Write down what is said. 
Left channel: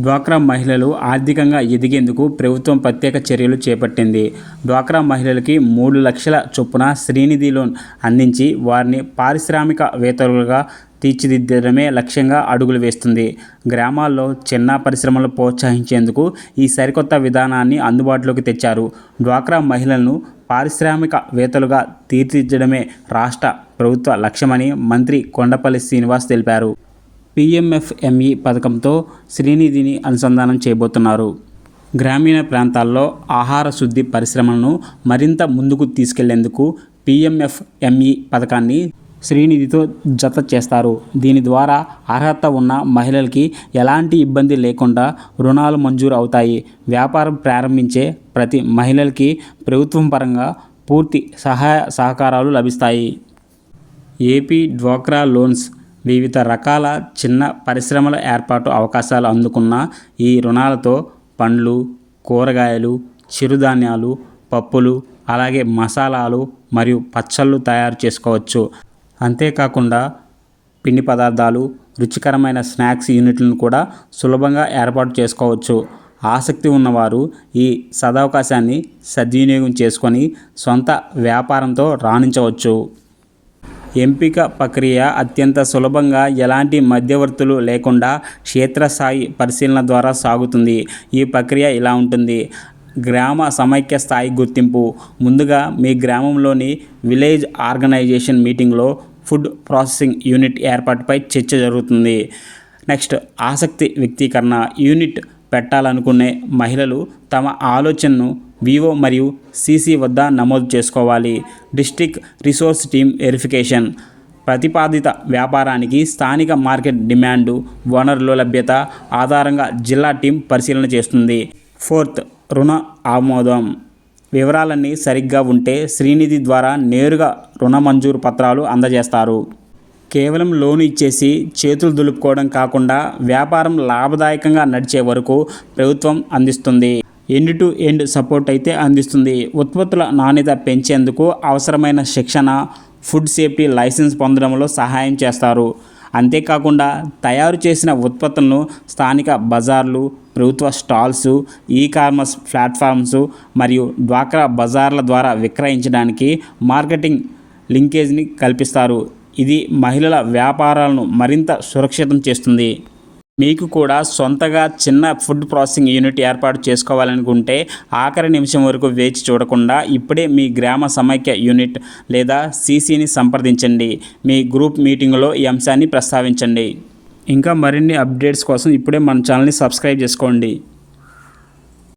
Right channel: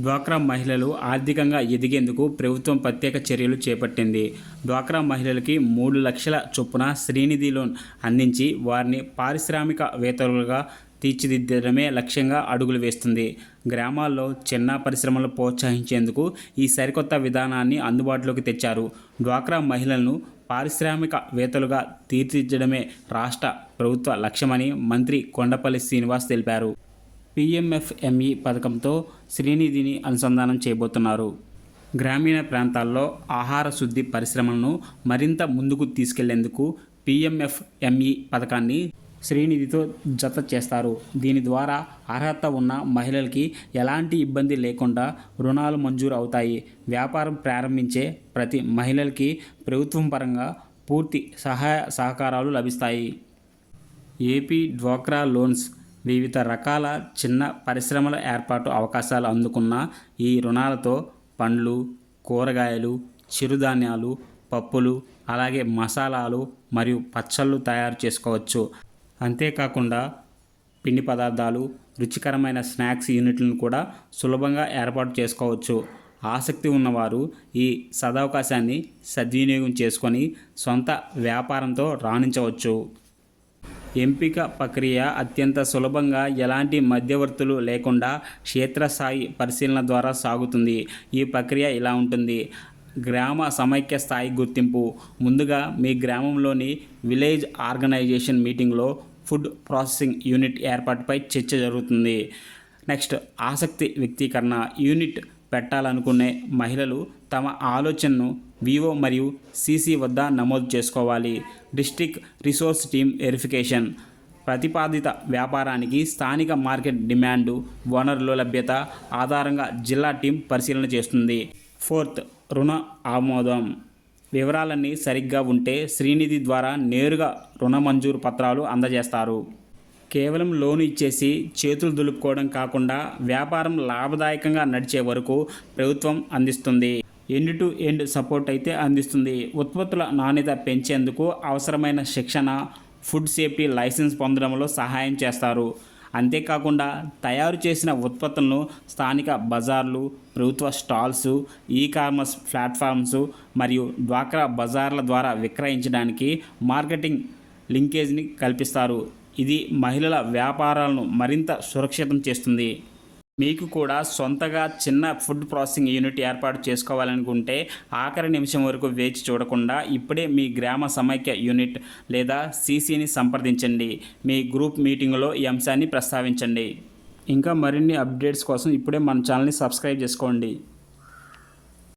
డ్వాక్రా మహిళలు ఆర్థికంగా ఎదిగేందుకు ప్రభుత్వం ప్రత్యేక చర్యలు చేపట్టింది. డ్వాక్రా మహిళలకి 3 లక్షల చొప్పున శ్రీనిధి లోన్ అందించి వారిని పారిశ్రామికవేత్తలుగా తీర్చిదిద్దడమే లక్ష్యంగా అడుగులు వేస్తుంది. గ్రామాల్లో చిన్న పరిశ్రమలు ప్రోత్సహించేందుకు ఈ సరికొత్త విధానాన్ని అందుబాటులోకి తెచ్చారు. డ్వాక్రా మహిళలను పారిశ్రామికవేత్తలుగా తీర్చిదిద్దడమే రాష్ట్ర ప్రభుత్వ లక్ష్యమని మంత్రి కొండపల్లి శ్రీనివాస్ తెలిపారు. పీఎంఎఫ్ఎంఈ పథకంతో శ్రీనిధిని అనుసంధానం చేయబోతున్నారు. గ్రామీణ ప్రాంతాల్లో ఆహార శుద్ధి పరిశ్రమలను మరింత ముందుకు తీసుకెళ్లేందుకు పీఎంఎఫ్ఎంఈ పథకాన్ని శ్రీనిధితో జత చేస్తారు. దీని ద్వారా అర్హత ఉన్న మహిళలకి ఎలాంటి ఇబ్బంది లేకుండా రుణాలు మంజూరు అవుతాయి. వ్యాపారం ప్రారంభించే ప్రతి మహిళలకి ప్రభుత్వం పరంగా పూర్తి సహాయ సహకారాలు లభిస్తాయి. ఏపీ డ్వాక్రా లోన్స్ వివిధ రకాల చిన్న పరిశ్రమల ఏర్పాటు అవకాశాలు అందుకున్న ఈ రుణాలతో పండ్లు, కూరగాయలు, చిరుధాన్యాలు, పప్పులు, అలాగే మసాలాలు మరియు పచ్చళ్ళు తయారు చేసుకోవచ్చు. అంతేకాకుండా పిండి పదార్థాలు, రుచికరమైన స్నాక్స్ యూనిట్లను కూడా సులభంగా ఏర్పాటు చేసుకోవచ్చు. ఆసక్తి ఉన్నవారు ఈ సదవకాశాన్ని సద్వినియోగం చేసుకొని సొంత వ్యాపారంతో రాణించవచ్చు. ఎంపిక ప్రక్రియ అత్యంత సులభంగా, ఎలాంటి మధ్యవర్తులు లేకుండా క్షేత్రస్థాయి పరిశీలన ద్వారా సాగుతుంది. ఈ ప్రక్రియ ఇలా ఉంటుంది. గ్రామ సమైక్య స్థాయి గుర్తింపు. ముందుగా మీ గ్రామంలోని విలేజ్ ఆర్గనైజేషన్ మీటింగ్లో ఫుడ్ ప్రాసెసింగ్ యూనిట్ ఏర్పాటుపై చర్చ జరుగుతుంది. నెక్స్ట్ ఆసక్తి వ్యక్తీకరణ. యూనిట్ పెట్టాలనుకునే మహిళలు తమ ఆలోచనను వివో మరియు సీసీ వద్ద నమోదు చేసుకోవాలి. District resource team verification. ప్రతిపాదిత వ్యాపారానికి స్థానిక మార్కెట్ డిమాండు, వనరుల లభ్యత ఆధారంగా జిల్లా టీం పరిశీలన చేస్తుంది. ఫోర్త్ రుణ ఆమోదం. వివరాలన్నీ సరిగ్గా ఉంటే శ్రీనిధి ద్వారా నేరుగా రుణ మంజూరు పత్రాలు అందజేస్తారు. కేవలం లోను ఇచ్చేసి చేతులు దులుపుకోవడం కాకుండా వ్యాపారం లాభదాయకంగా నడిచే వరకు ప్రభుత్వం అందిస్తుంది. ఎండ్ టు ఎండ్ సపోర్ట్ అయితే అందిస్తుంది. ఉత్పత్తుల నాణ్యత పెంచేందుకు అవసరమైన శిక్షణ, ఫుడ్ సేఫ్టీ లైసెన్స్ పొందడంలో సహాయం చేస్తారు. అంతేకాకుండా తయారు చేసిన ఉత్పత్తులను స్థానిక బజార్లు, ప్రభుత్వ స్టాల్స్, ఈ-కామర్స్ ప్లాట్ఫామ్స్ మరియు డ్వాక్రా బజార్ల ద్వారా విక్రయించడానికి మార్కెటింగ్ లింకేజ్ని కల్పిస్తారు. ఇది మహిళల వ్యాపారాలను మరింత సురక్షితం చేస్తుంది. మీకు కూడా సొంతగా చిన్న ఫుడ్ ప్రాసెసింగ్ యూనిట్ ఏర్పాటు చేసుకోవాలనుకుంటే ఆఖరి నిమిషం వరకు వేచి చూడకుండా ఇప్పుడే మీ గ్రామ సమైక్య యూనిట్ లేదా సీసీని సంప్రదించండి. మీ గ్రూప్ మీటింగ్లో ఈ అంశాన్ని ప్రస్తావించండి. ఇంకా మరిన్ని అప్డేట్స్ కోసం ఇప్పుడే మన ఛానల్ని సబ్స్క్రైబ్ చేసుకోండి.